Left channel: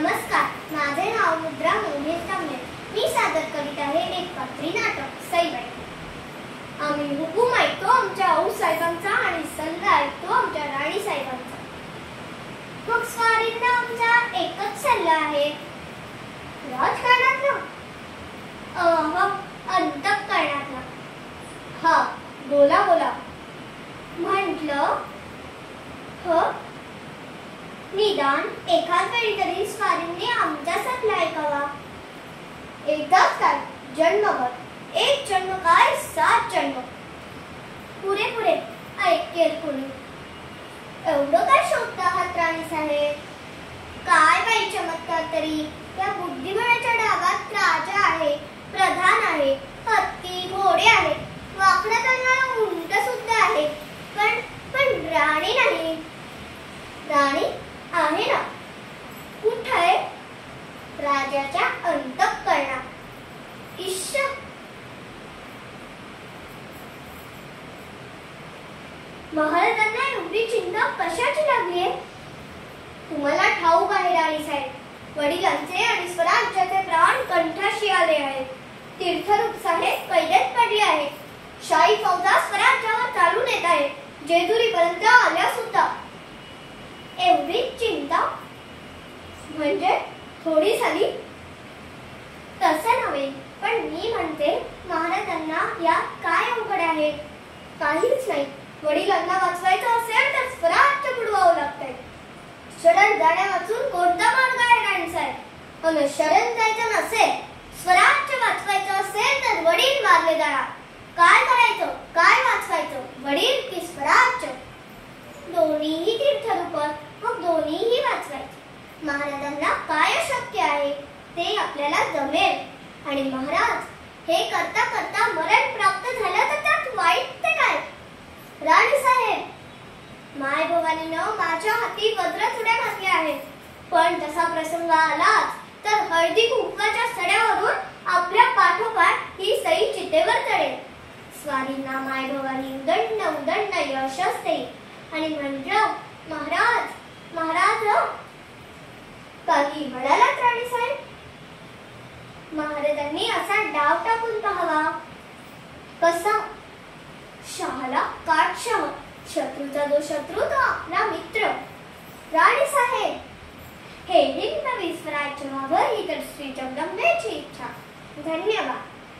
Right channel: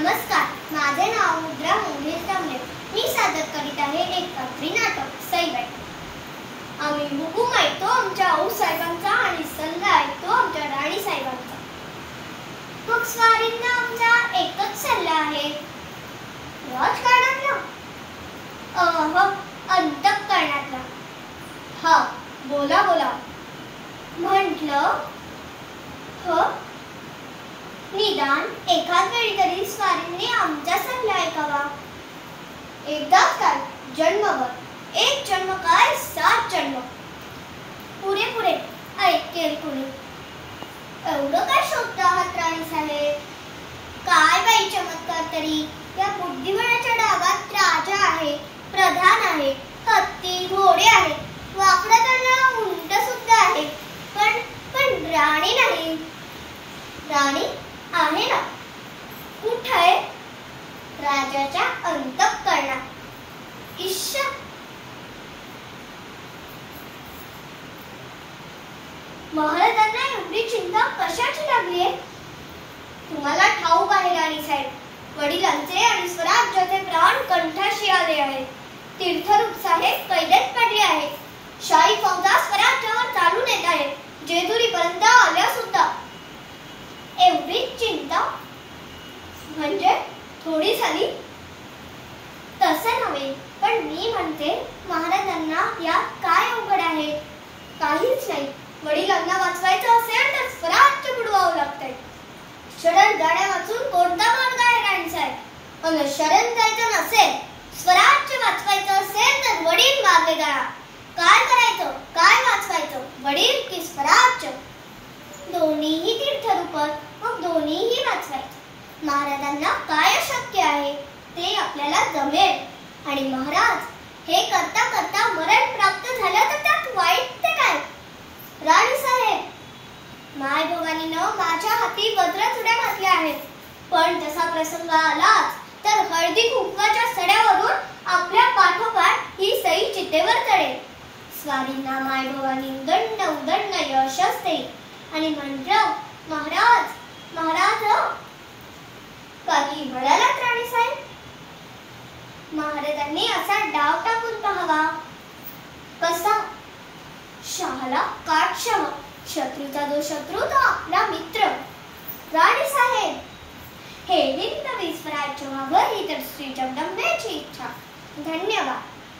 नमस्कार, माझे नाव मुद्रा मोहित तांबे. मी सादर करीत आहे एक पात्री नाटक सईबाई. आम्ही हुकूम ऐकतो आमच्या आऊसाहेबांचा आणि सल्ला ऐकतो आमच्या राणीसाहेबांचा. मग स्वारींना आमचा एकच सल्ला आहे, राजकारणातला अंतःकरणातला. हा, बोला बोला म्हटलं. निदान एखाद वेळी तरी स्वारींनी आमचा सल्ला ऐकावा. एकदाच काय, जन्मभर. एक जन्म काय, 7 जन्म. पुरे पुरे ऐकेल कुणी. एवढं काय शोधता आहात राणीसाहेब? काय बाई चमत्कार तरी. त्या बुद्धिबळाच्या डागात राजा आहे, प्रधान आहे, हत्ती घोडे आहेत, वाकडा तोंडाला उंट सुद्धा आहे, पण राणी नाही. राणी आहे ना. कुठे आहे? राजाच्या अंतःकरणात. इश्श, महाराजांना एवढी चिंता कशाची लागली आहे? तुम्हाला ठाऊक आहे राणीसाहेब, वडिलांचे आणि स्वराज्याचे प्राण कंठाशी आले आहेत. तीर्थरूप साहेब कैदेत पडले आहेत. शाही फौजा स्वराज्यावर चालून येत आहेत. जेजुरीपर्यंत आल्या सुद्धा. एवढी चिंता म्हणजे थोडी झाली? तसं नव्हे, पण मी म्हणते महाराजांना यात काय अवघड आहे? काहीच नाही. वडिलांना वाचवायचं असेल तर स्वराज्य बुडवावं लागतंय. शरण जाण्यावाचून कोणता मार्ग आहे राणीसाहेब? आणि शरण जायचं नसेल, स्वराज्य वाचवायचं असेल तर वडील मारले जाणार. काय करायचं, काय वाचवायचं, वडील की स्वराज्य? दोन्हीही तीर्थरूपच, मग दोन्हीही वाचवायचं. महाराजांना काय अशक्य आहे ते आपल्याला जमेल. आणि महाराज हे करता करता मरण प्राप्त झालं तर त्यात वाईट ते काय? राणीसाहेब, माय भवानीनं माझ्या हाती वज्रचुड्या घातल्या आहेत, पण तसा प्रसंग आलाच तर हळदी कुंकवाच्या सड्यावरून आपल्या पाठोपाठ ही सई चितेवर चढेल. स्वारींना माय भवानी उदंड उदंड यशच देईल. आणि म्हटलं, महाराज महाराज काही म्हणालात राणीसाहेब? महाराजांनी असा डाव टाकून पाहावा. कसा? शहाला काट शह. शत्रूचा जो शत्रू तो आपला मित्र. राणीसाहेब, हे हिंदवी स्वराज्य व्हावं ही तर श्री जगदंबेची इच्छा. धन्यवाद.